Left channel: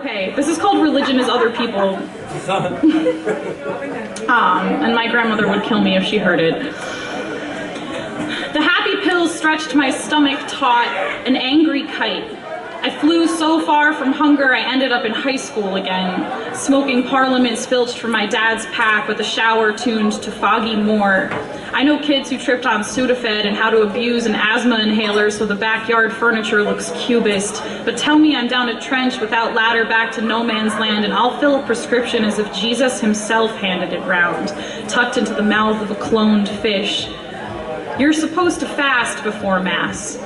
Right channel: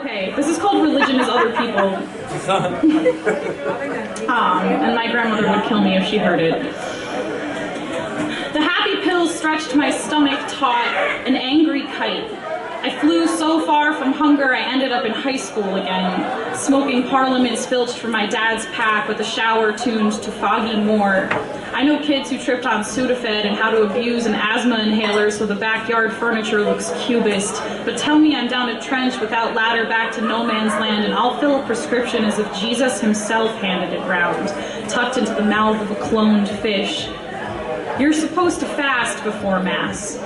Okay, this is called Religion is Other People. And my grandmother would kill me if she heard it. The happy pills stretched my stomach taut, an angry kite. I flew so far from hunger I ended up in high school again, smoking parliaments filched from my dad's pack with a shower tuned to Foggy Moore. I know kids who tripped on Sudafed and how to abuse an asthma inhaler so the backyard furniture looks cubist, but tell me I'm down a trench without ladder back to no man's land and I'll fill a prescription as if Jesus himself handed it round, tucked into the mouth of a cloned fish. You're supposed to fast before Mass.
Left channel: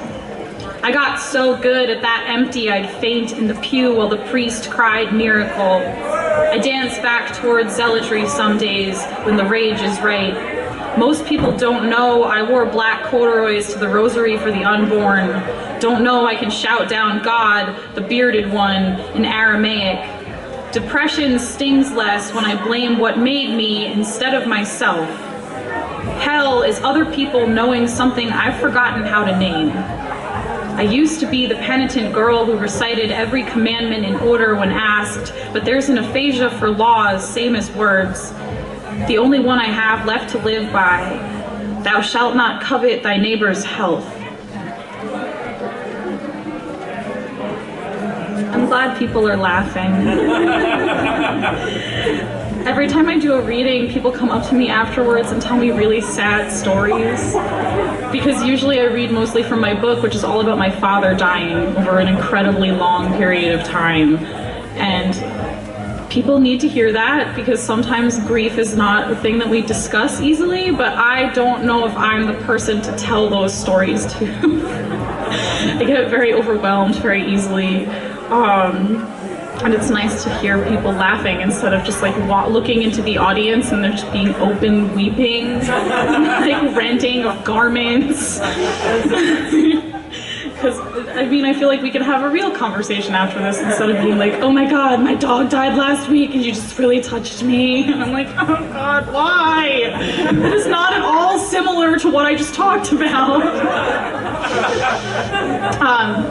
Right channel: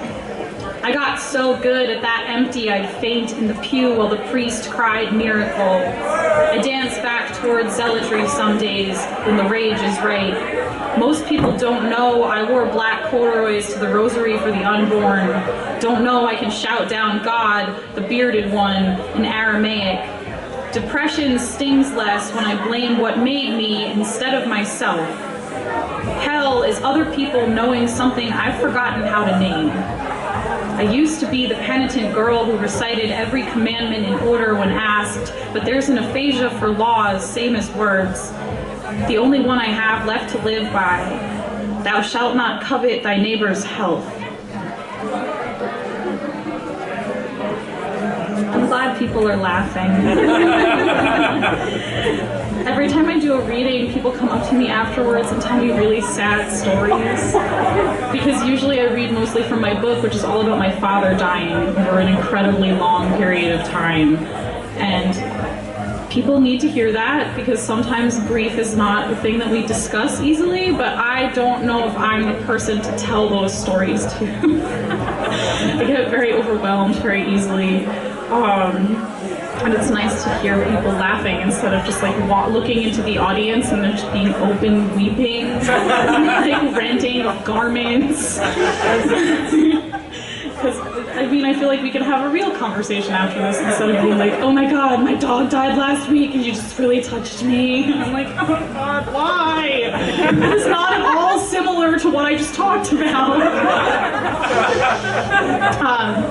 I got so good at that empty I'd faint in the pew while the priest cried miracle. I dance back towards zealotry some days when the rage is right. Most people don't know I wore black corduroys to the rosary for the unborn. Don't know I can shout down God, the bearded one, in Aramaic. Depression stings less when I blame what made me instead of myself. Hell is other people knowing something I've forgotten how to name. I used to be the penitent girl who recited every commandment in order when asked, but there's an aphasia for laws, same as words. The only one I have left to live by, thou shalt not covet thy neighbor's health. I'm glad people are laughing. Every time I do a reading, people come up to me afterwards and tell me really sad stories. Because usually I read mostly from my book, which is all about my father dying over an incredibly long period of time. And people need to hear that because sometimes grief is not a thing that we discuss easily, but I don't know if I'm the person to tell those stories to. I get very overwhelmed very easily. And it's nice to hear people laughing instead of just like looking into the audience and they're just being open weeping, like renting of garments. Because, I mean, I feel like we could have a real conversation after this instead of being like, oh my God, my dog died last week and you just really touched me. And I'm like, oh God, why? It is not at all similar to what I just talked about.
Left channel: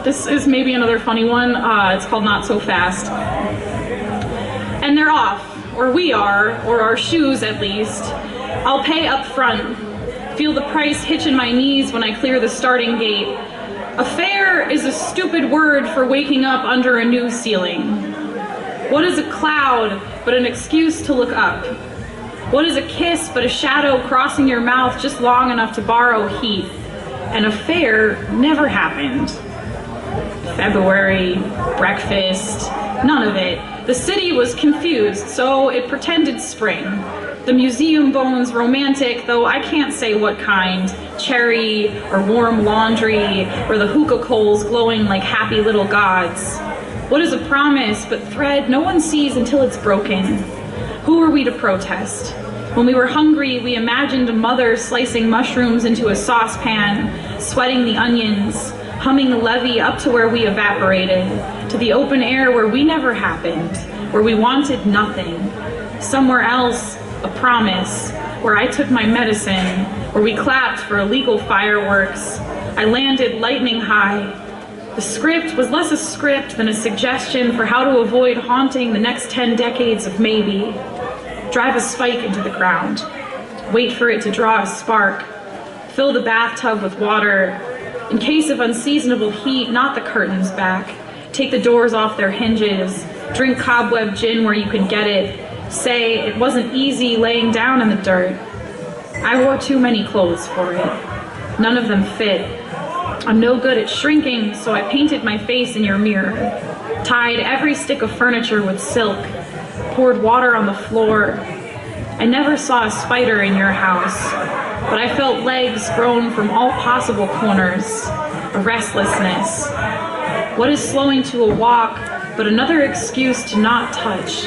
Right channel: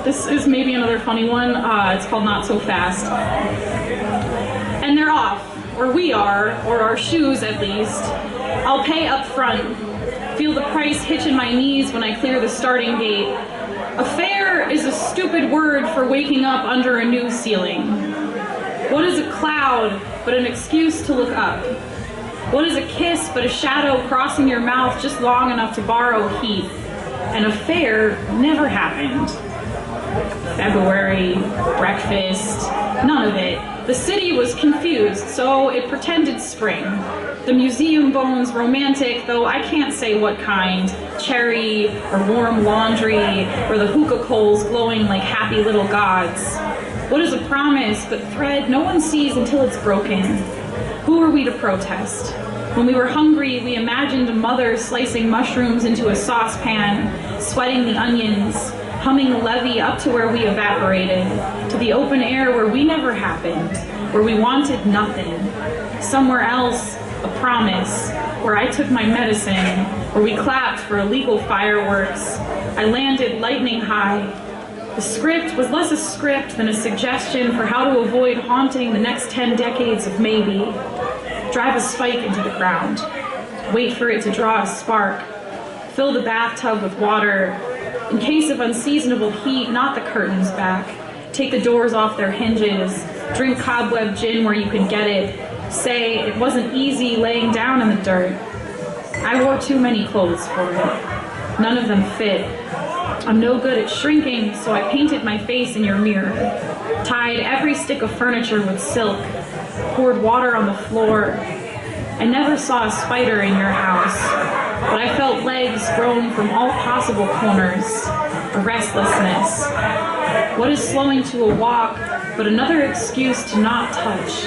This is maybe another funny one. It's called Not So Fast. And they're off, or we are, or our shoes at least. I'll pay up front. Feel the price hitch in my knees when I clear the starting gate. A fare is a stupid word for waking up under a new ceiling. What is a cloud but an excuse to look up? What is a kiss but a shadow crossing your mouth just long enough to borrow heat? And a fare never happened. February, breakfast, none of it. The city was confused, so it pretended spring. The museum bones romantic, though I can't say what kind. Cherry, or warm laundry, or the hookah coals glowing like happy little gods. What is a promise but thread no one sees until it's broken? Who are we to protest? When we were hungry, we imagined a mother slicing mushrooms into a saucepan, sweating the onions, humming the levee up to where we evaporated, to the open air where we never happened, where we wanted nothing. Somewhere else, a promise, where I took my medicine, where we clapped for illegal fireworks. I landed lightning high. The script was less a script than a suggestion for how to avoid haunting the next 10 decades of maybe. Drive a spike into the ground. Wait for it to draw a spark. Fill the bathtub with water. In case of unseasonable heat, knot the curtains back. Take the doors off their hinges. Drink cobweb gin where you can get it. Say it wasn't easy laying down in the dirt. I wore too many clothes for it. None of them fit. I'm no good at shrinking, so I painted my face in your mirror. Tied every stick of furniture with silk. Poured water on the floor. I never saw a spider in your house, but I felt legs grown from all possible corners. A restlessness. What is slowing to a walk, but another excuse to not touch?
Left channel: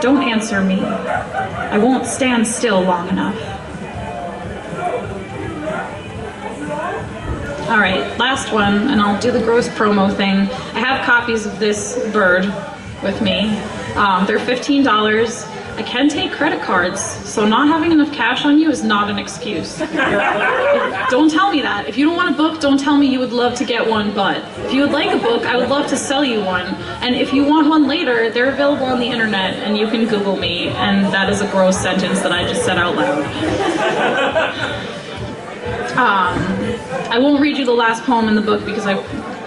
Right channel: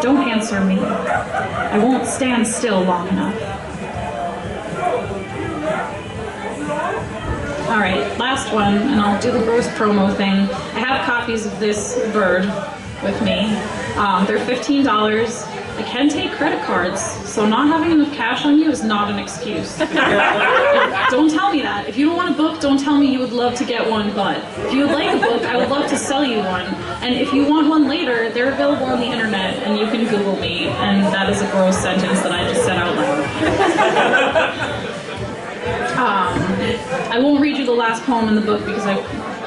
Don't answer me. I won't stand still long enough. All right, last one, and I'll do the gross promo thing. I have copies of this bird with me. They're $15. I can take credit cards, so not having enough cash on you is not an excuse. Don't tell me that. If you don't want a book, don't tell me you would love to get one, but if you would like a book, I would love to sell you one. And if you want one later, they're available on the internet, and you can Google me, and that is a gross sentence that I just said out loud. I won't read you the last poem in the book because I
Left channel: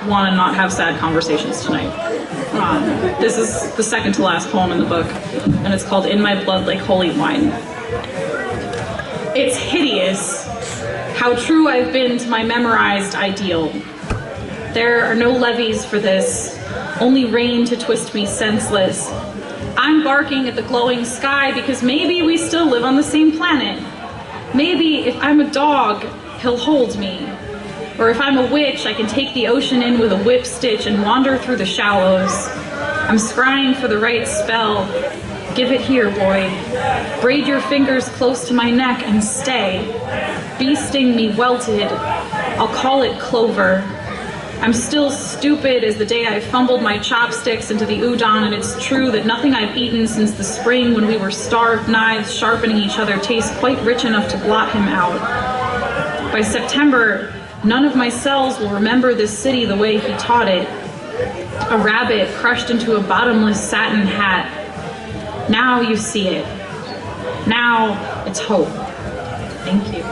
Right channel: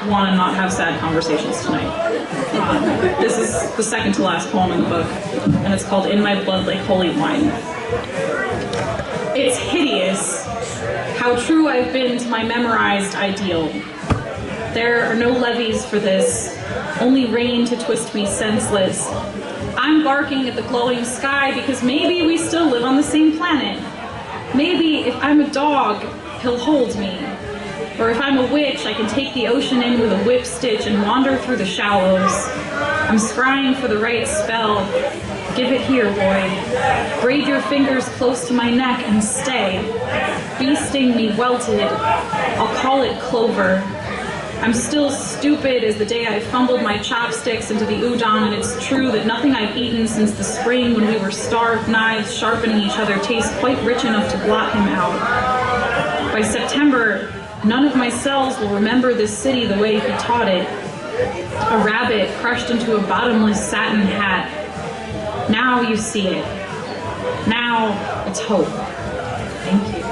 want to not have sad conversations tonight. This is the second to last poem in the book, and it's called In My Blood Like Holy Wine. It's hideous how true I've been to my memorized ideal. There are no levees for this, only rain to twist me senseless. I'm barking at the glowing sky because maybe we still live on the same planet. Maybe if I'm a dog, he'll hold me. Or if I'm a witch, I can take the ocean in with a whip stitch and wander through the shallows. I'm scrying for the right spell. Give it here, boy. Braid your fingers close to my neck and stay. Bee sting me welted. I'll call it clover. I'm still stupid as the day I fumbled my chopsticks into the udon, and it's true that nothing I've eaten since the spring when we were starved knives sharpening each other tastes quite rich enough to blot him out. By September, none of my cells will remember this city the way he taught it. A rabbit crushed into a bottomless satin hat. Now you see it. Now it's hope. Thank you.